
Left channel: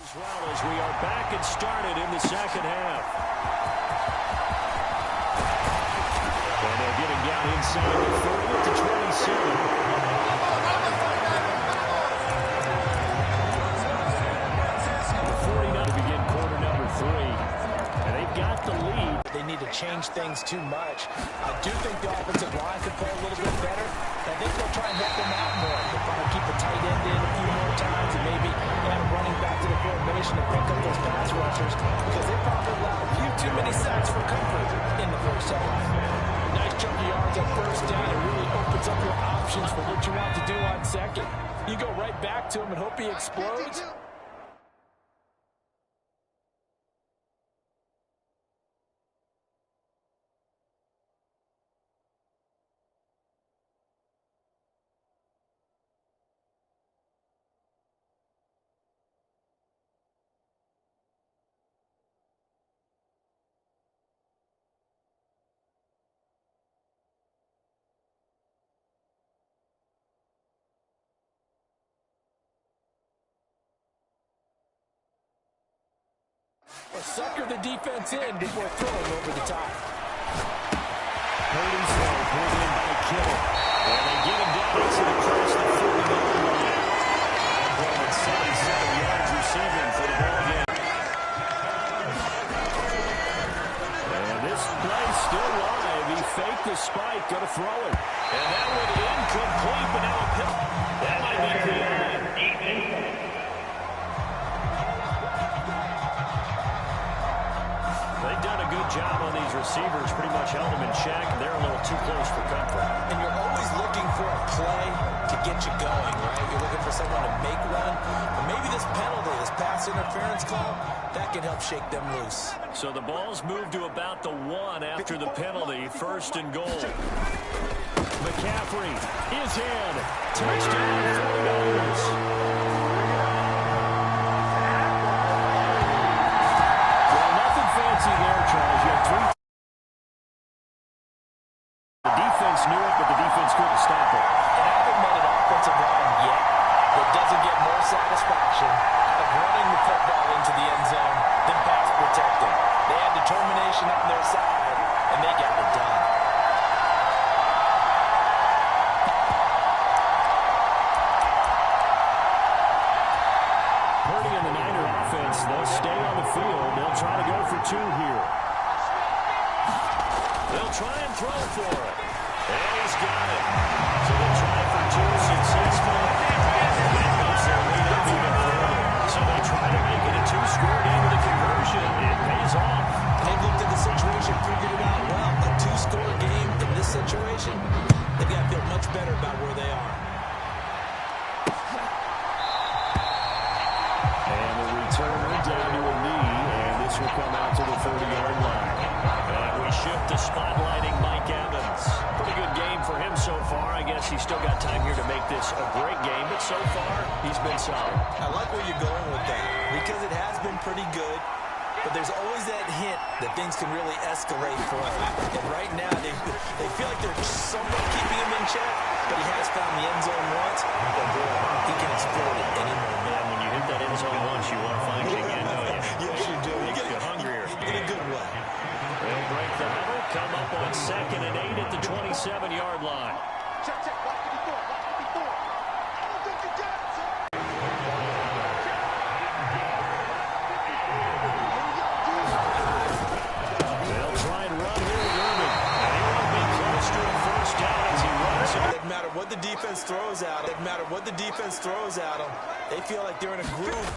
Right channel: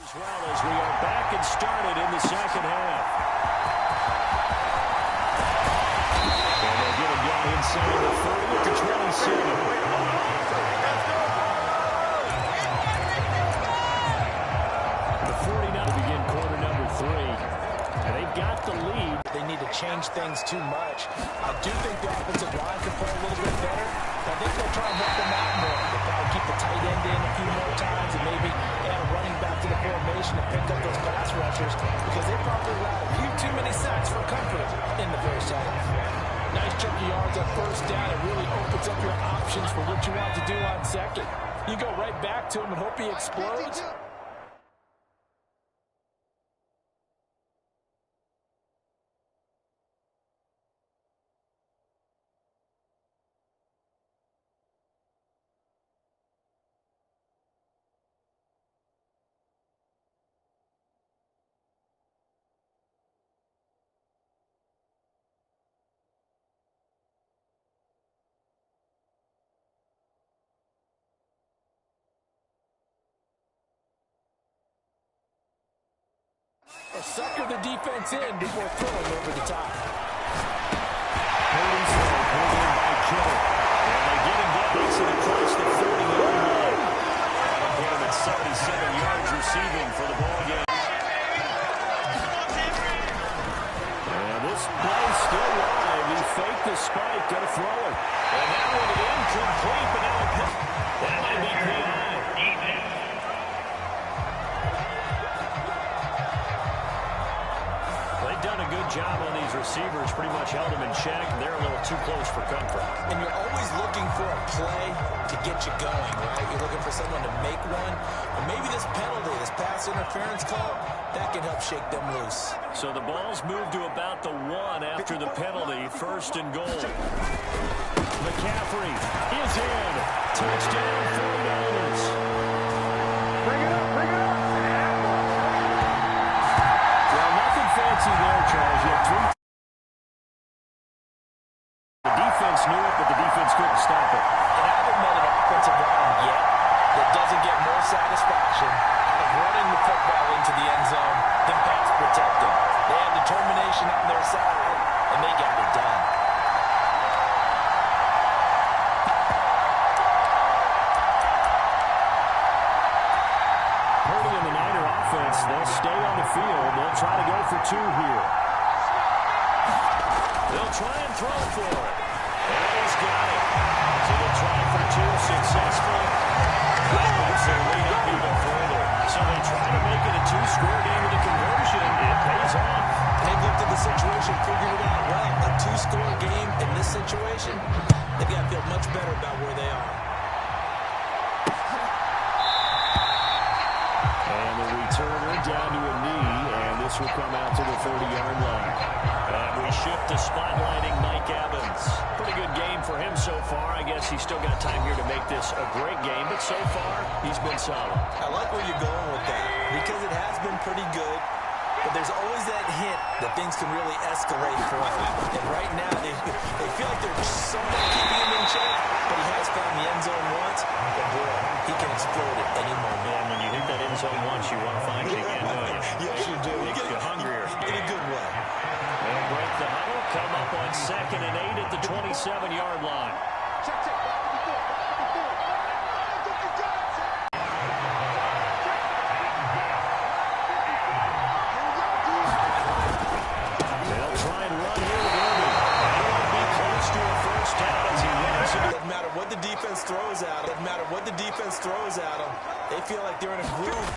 As well as we are back and started in the second half. And they'll get him down inside the 30 at the 27. The 49 to begin quarter number 3. And they've got the lead. They need to change things too much. I do think the offensive line can play a little bit better. I think they'll try and help them out more. They'll probably keep the tight end in a few more times and maybe add a running back to the formation and pick up those pass rushers because they probably allowed a few too many sacks for comfort in the first half. Nice chunky yards on first down. It really opens up your options for what you want to do on second. You go right back to him and hope he explodes. Or sucker the defense in before throwing over the top. Purdy's throw pulled in by Kittle. And they get him down. Makes it across the 30-yard line. That'll put him at 77 yards receiving for the ball game. And this play still live. He faked the spike. Going to throw it. And that one incomplete, but now a pick. That might be PI. They've done a good job on these receivers, pretty much held them in check. They're a little too close for comfort. And you're always looking for a play to get you going, right? You're looking for someone to make one. But maybe this penalty, this pass interference call, that can help shake them loose. So the ball's moved to about the 1 after the penalty. First and goal. McCaffrey is in. Touchdown, 49ers. Fancy there, Charles. You have 3. The defense knew it, but the defense couldn't stop it. And I haven't met an offensive line yet that doesn't get more satisfaction out of running the football into the end zone than pass protecting. They had determination on their side, and they got it done. Purdy and the Niner offense, they'll stay on the field. They'll try to go for 2 here. They'll try and throw for it. And he's got it. So they'll try for 2, successful. That moves their lead up even further. So they try to make it a 2-score game with a conversion. It pays off. They've looked at the situation, figured it out well. A 2-score game in this situation, they've got to feel much better about where they are. And the returner down to a knee, and this will come out to the 30-yard line. And we shift to spotlighting Mike Evans. Pretty good game for him so far. I guess he's still got time here to make this a great game, but so far, he's been solid. I like where you're going with that, because it has been pretty good, but there's always that hint that things can really escalate for him. And right now, they feel like they're somewhat keeping him in check, but he has found the end zone once, and boy, he can explode at any moment. And when you hit that end zone once, you want to find it again, don't you? Yes, you do. Makes you hungrier. In a good way. They'll break the huddle, come up on 2nd and 8 at the 27-yard line. Check, check, block 54, block 54. I don't think you got it, Sam. They'll try and run here with Irving. And he won't be close to a first down as he runs. Doesn't matter what the defense throws at them. Doesn't matter what the defense throws at them. They feel like they're in a groove.